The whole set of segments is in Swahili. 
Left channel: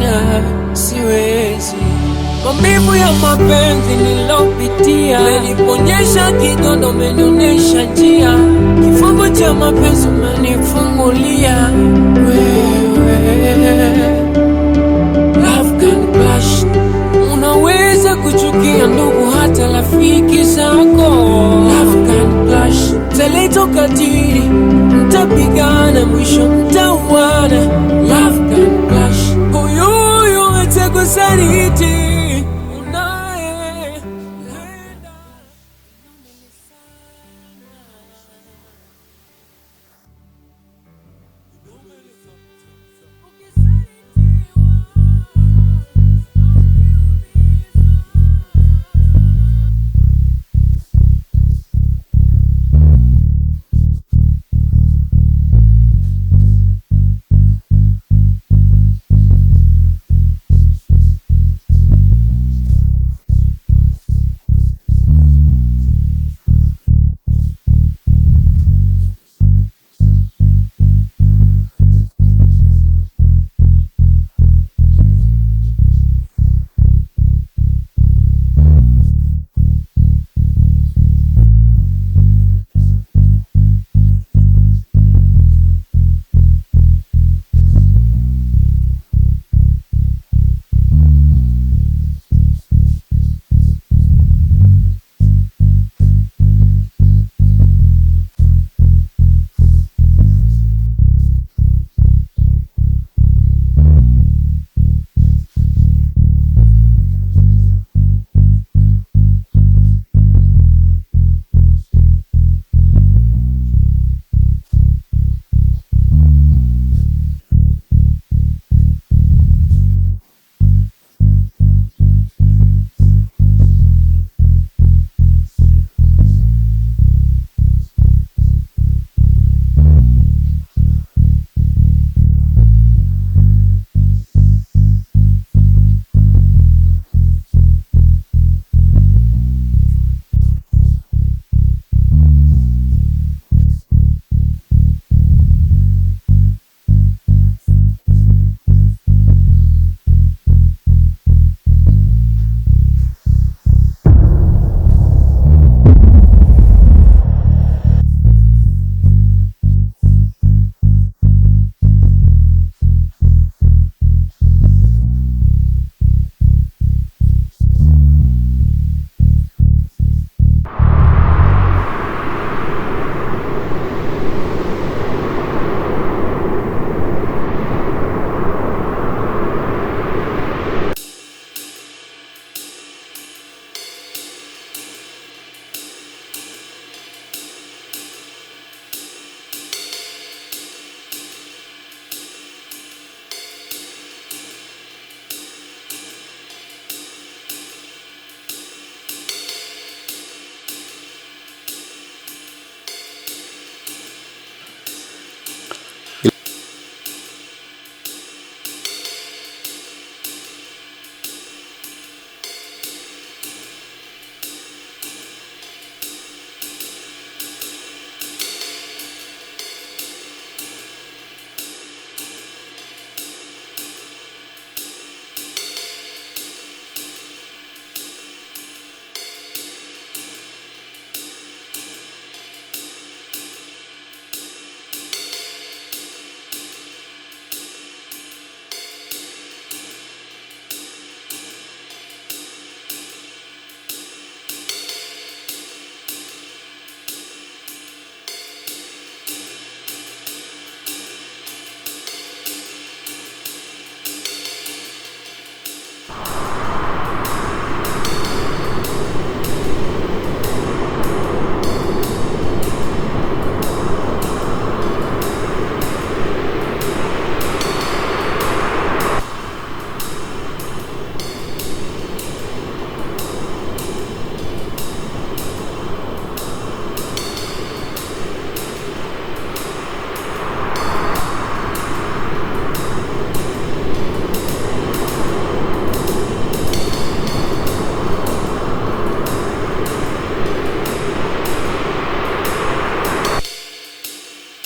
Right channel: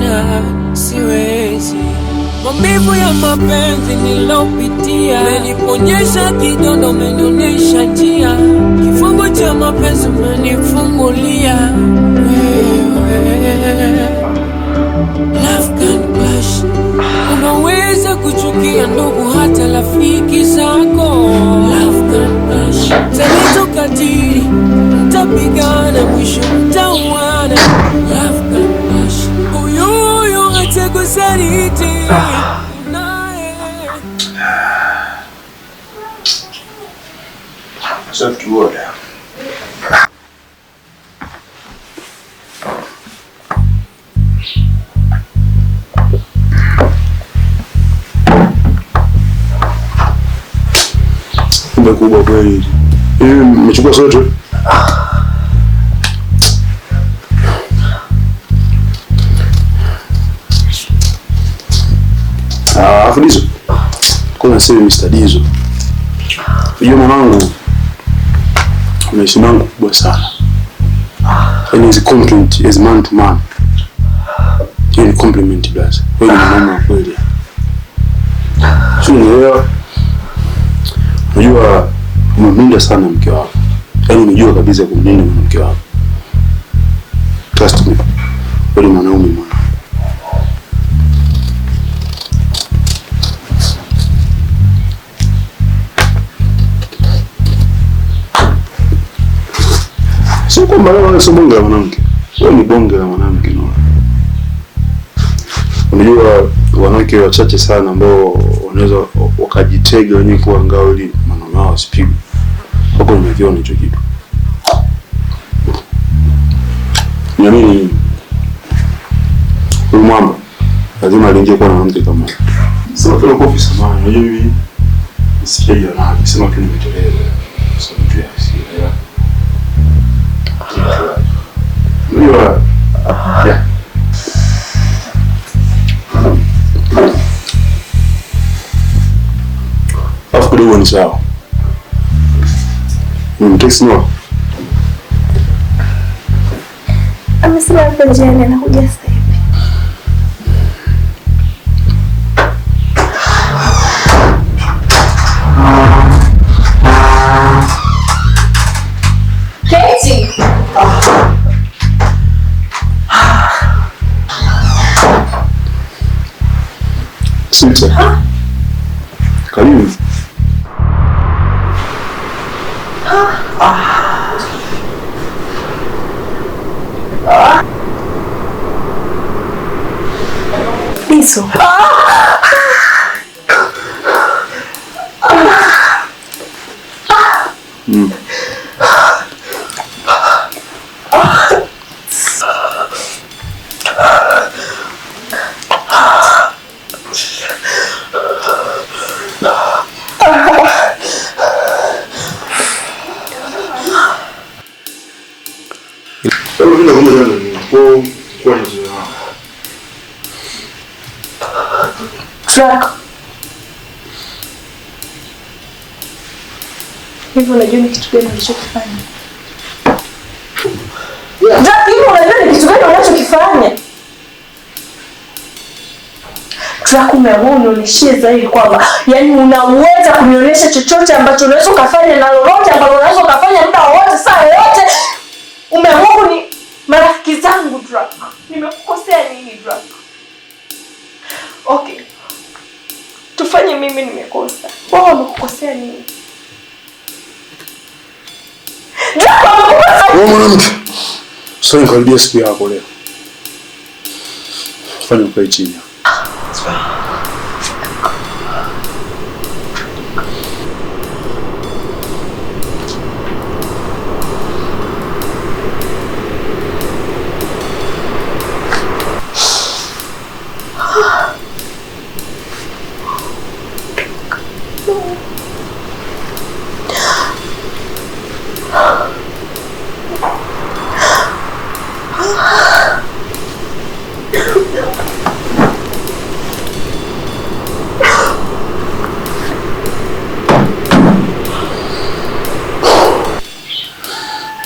sina, siwezi. Maumivu ya mapenzi nilopitia, umeniponyesha kidondo, umenionyesha njia. Kifungo cha mapenzi umenifungulia wewe. Love can clash. Unaweza kuchukia ndugu hata rafiki zako. Love can clash. Taleta ukatili, mtapigana, mwisho mtauana. Love can clash. Huyu atakusaliti unaye. Soft water. Kubwa kweli. Hivi mmechukua sote? Afu Dizo. Kuna sema Mr. Dizo. Unajua mwanangu, kuna heshima yangu kubwa sana. Yaani hizi compliment as man to man. Hii ni compliment blaza. Wewe ni mwanaume kweli. Sio unaelewa? Unajua unamlinda sana mke wako. Yaani unajua kabisa kumlinda mke wako. Trust me. Wewe ni mwanaume mwana. Sio kwamba wewe sio bonge la mwanamke. Wewe ni bonge la mwanamke no. Unajua wanawake wachache sana ambao wanaweza wakajitega wenyewe kwa ngao ili maneno yao sipigwe. Hapo nimeviona hicho kitu. Niamini huyu mwamba lazima aliingia kwa mwanamke kama huyo. Sio kwa kofi samani. Unajua mimi nisikie na sema tu nimeteleza. Sio tu ya hasira. Unajua ya kidogo ni sawa. Mteksi no. Amesema hapo njiani anakuja sasa hivi. Keti. Sita. Karibu. Dizo. Truck. Hivi unajua ni kitu gani unachokifanya? Hivi unajua ni kitu gani unachokifanya? Truck, umeamua unionyeshie zaidi kwamba yani unaweza kunionyesha chochote ambacho unaweza kufanya na lolote ambalo unaweza kufanya muda wote saa yote. Umeamua ni marafiki zangu Truck. Nimekukosea nini Truck? Okay. Tufanye mimi nimekosa. Wao wamekukosea nini? Wewe mwanamke. Sasa nikaribia siku yako leo. Fanya ukae chini.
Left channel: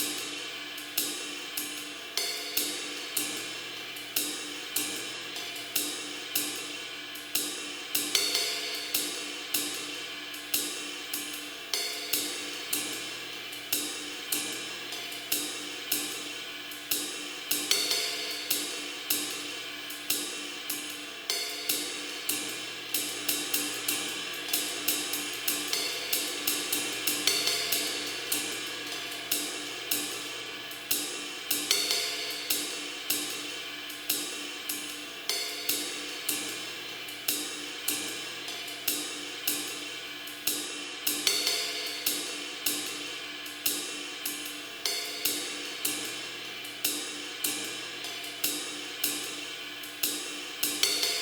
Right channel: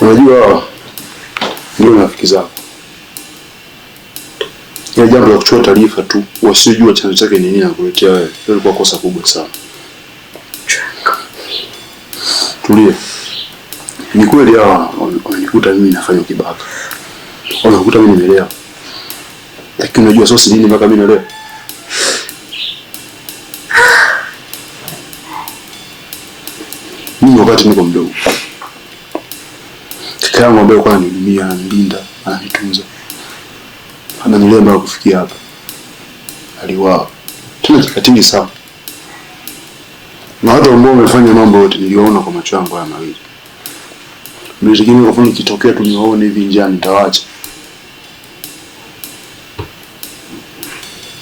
Unajua ndio rafiki zako. Ya jambo la kuchukua taarifa tu wasiojua chanzo chake ni nini na kuletea wewe. Hilo lilikuwa kosa kubwa sana. Tulia. Ni kweli hawa wananikuta mimi nafanya ukibaka. Wanakuta mimi nimelewa. Lakini unajua sosi nini mpaka mimi nalewa? Mimi wakati niko mdogo. Kaka yangu ambaye kwa ananihudumia, ananilinda, ananitunza. Ananilea mpaka kufikia hapa. Aliwao. Tuna kikatili sana. Na watu ambao wamefanya mambo yote niliona kwa macho yangu haya mawili. Nilitegemea kufanya kitokea tu niwaone hivi njiani nitawaacha.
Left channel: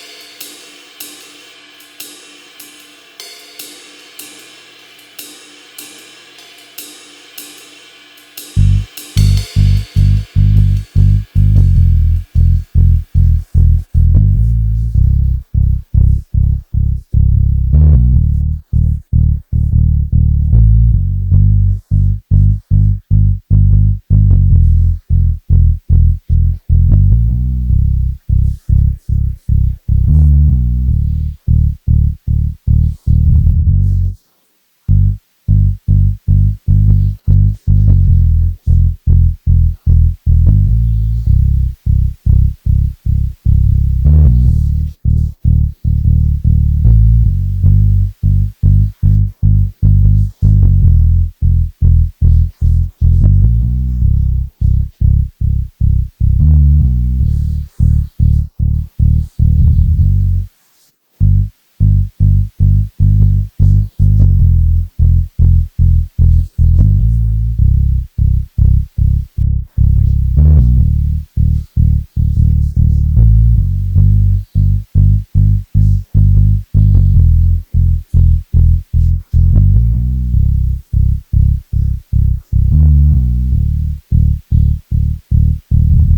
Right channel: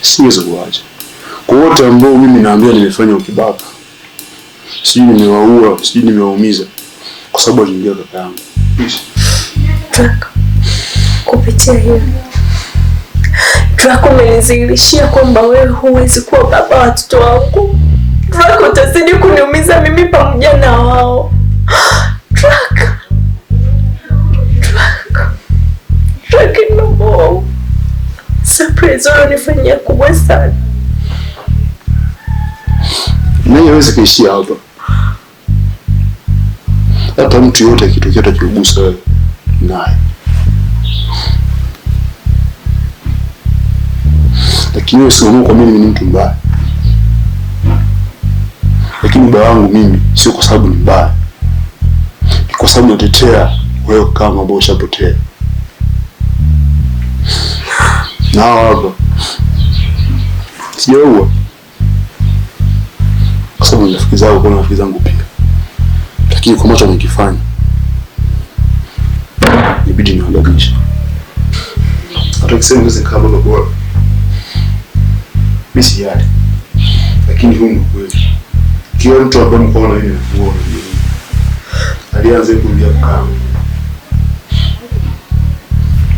Siwezi kuacha. Kwa wote ambao mimi naambia nimefanya ukibaka. Sijui nimewaua, sijui nimewaumiza kwa sababu aliingia kaka yangu. Draco, kupitia hiyo Draco umenizilishia kwamba wewe huwezi kuwa baba wa watoto wangu. Draco, utazidi kuniumiza mimi pamoja na wao. Draco, no. Surprise unanifanyia kubwa sana. Nani hawezi kuishia hapa? Hata mtu yote akitokea atakugusa wewe naye. Lakini wewe sio kwa mimi ni mtu mbaya. Lakini baba wangu mimi sio kwa sababu ni mbaya. Ni kwa sababu natetea wewe kama ambao ushapotea. Na hapa sijaua. Kwa sababu ni rafiki zangu, kuna rafiki zangu pia. Lakini kwa macho nikifanya ibidi niwadabisha. Hata kisema mzee kama ndo bora. Mimi sijali. Lakini huu ni kweli. Kila mtu ambaye mkoona hivi anakuona hivi. Alianza kuingia kama.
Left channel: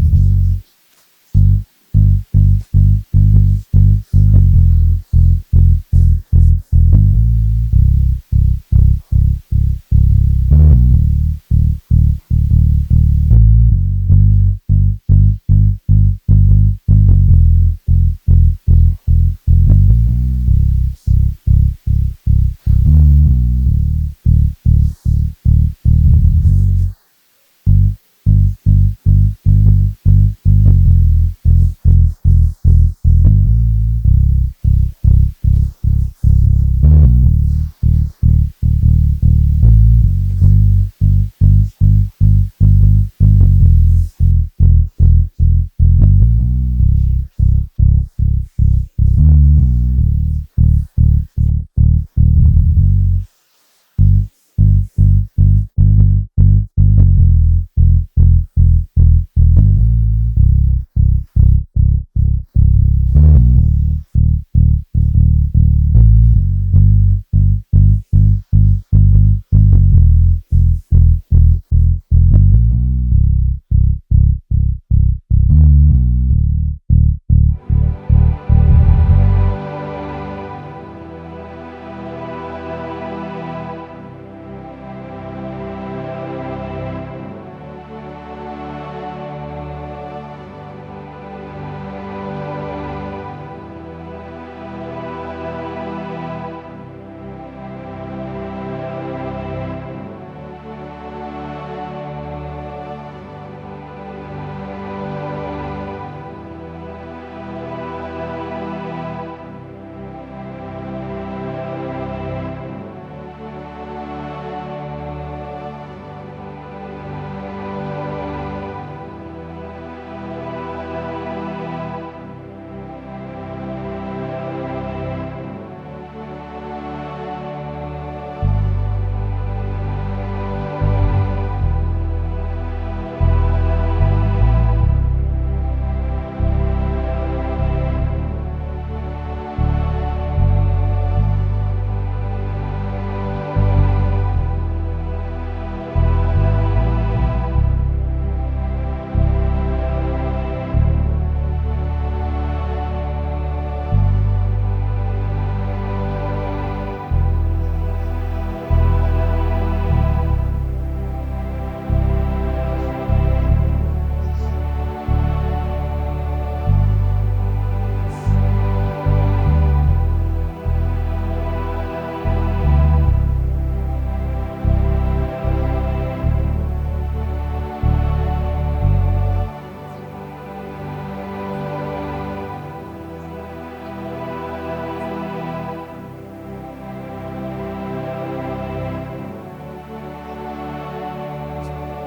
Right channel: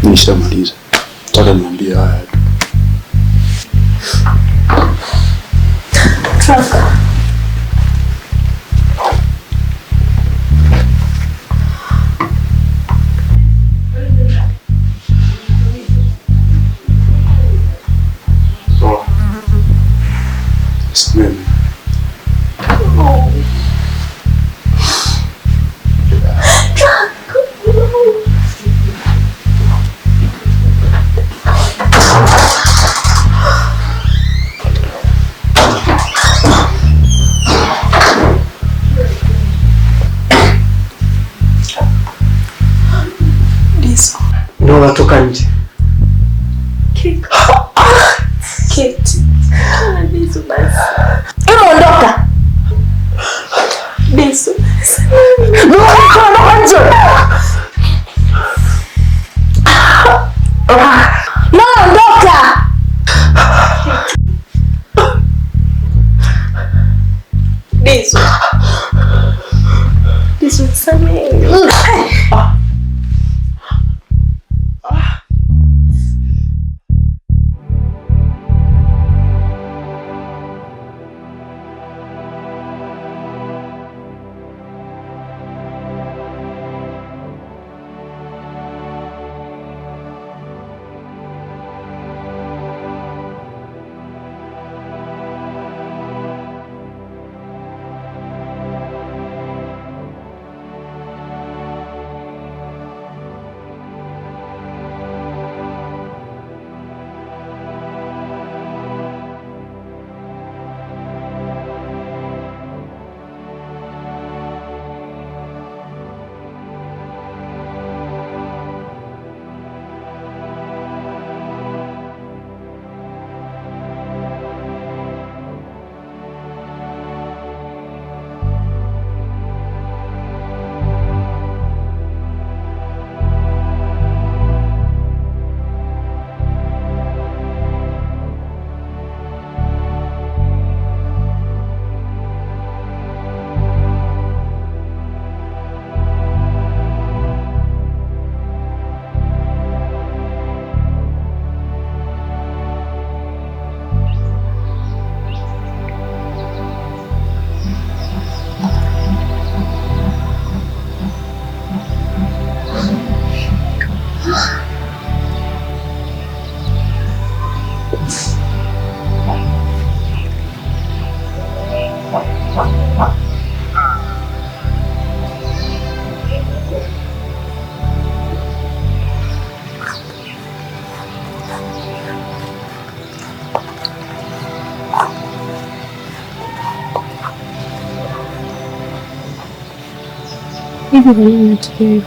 Nishamaliza. Nataka niambie haya tu. Draco. Toka nje. Kate. Disu basi. Ondoka. Disu. Ondoka nje. Ondoka. Disu. Disu, samehe. Hivi kwa nini natokea hivyo?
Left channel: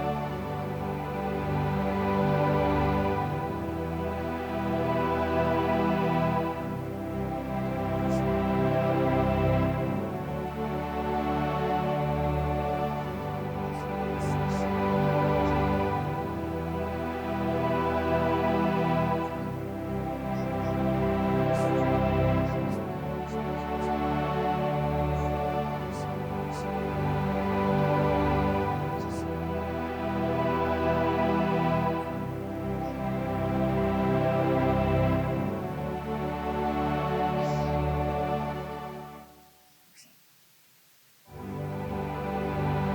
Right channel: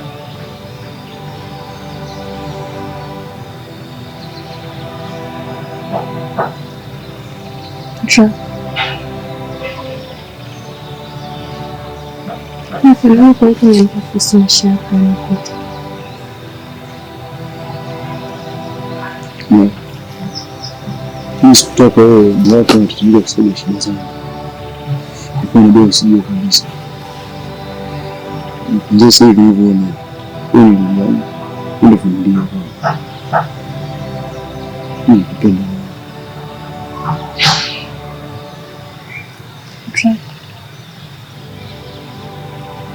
Nafahamu kwa hiyo nilipofisi mashaka yanapita. Mimi sikutaka wewe mwaka mtutumia kusaidia shida zangu. Nilikuwa ndio usije kabisa. Ndio sasa hivi unaona. Ndio familia. Napenda.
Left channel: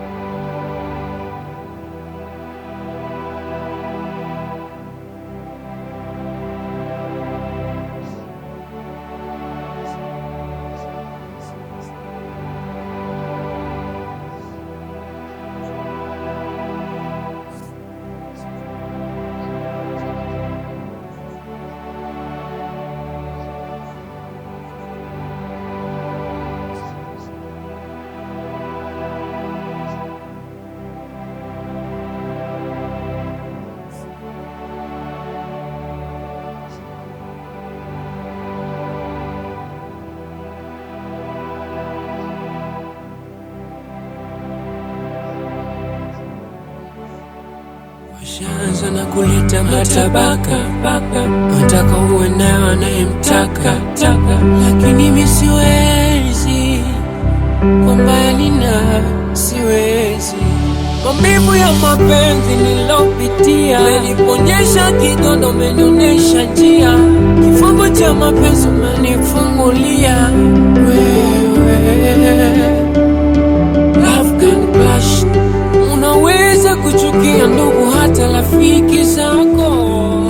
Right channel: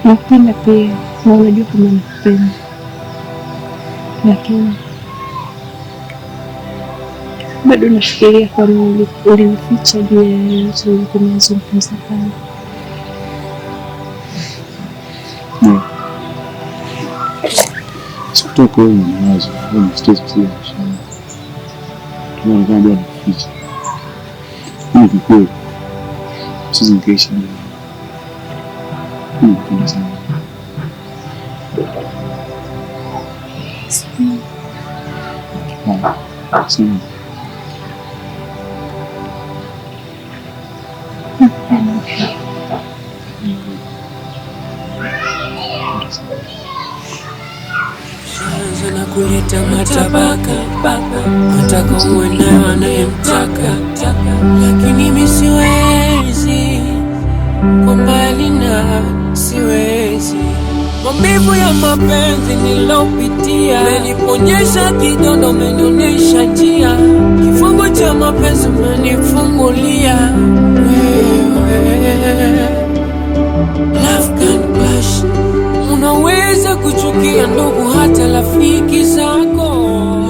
Napenda pia na unajua kama nakupenda, lakini bado nafikiria kwa nini ulinificha juu ya yote uliyozungumza kama. Sikutoka wewe mwanzo, wewe mstari sana. Tunaona kama bado naficha. Ni kweli. Sisi nikaishi naye. Sim. Shaanza na kuleta matabaka, wataka uwe nayo anayemtaka, lakini mimi siwezi, kwa mbali na siwezi. Maumivu ya mapenzi nilopitia, umeniponyesha kidondo, umenionyesha njia. Kifungo cha mapenzi umenifungulia wewe. Love can clash. Unaweza kuchukia ndugu hata rafiki zako.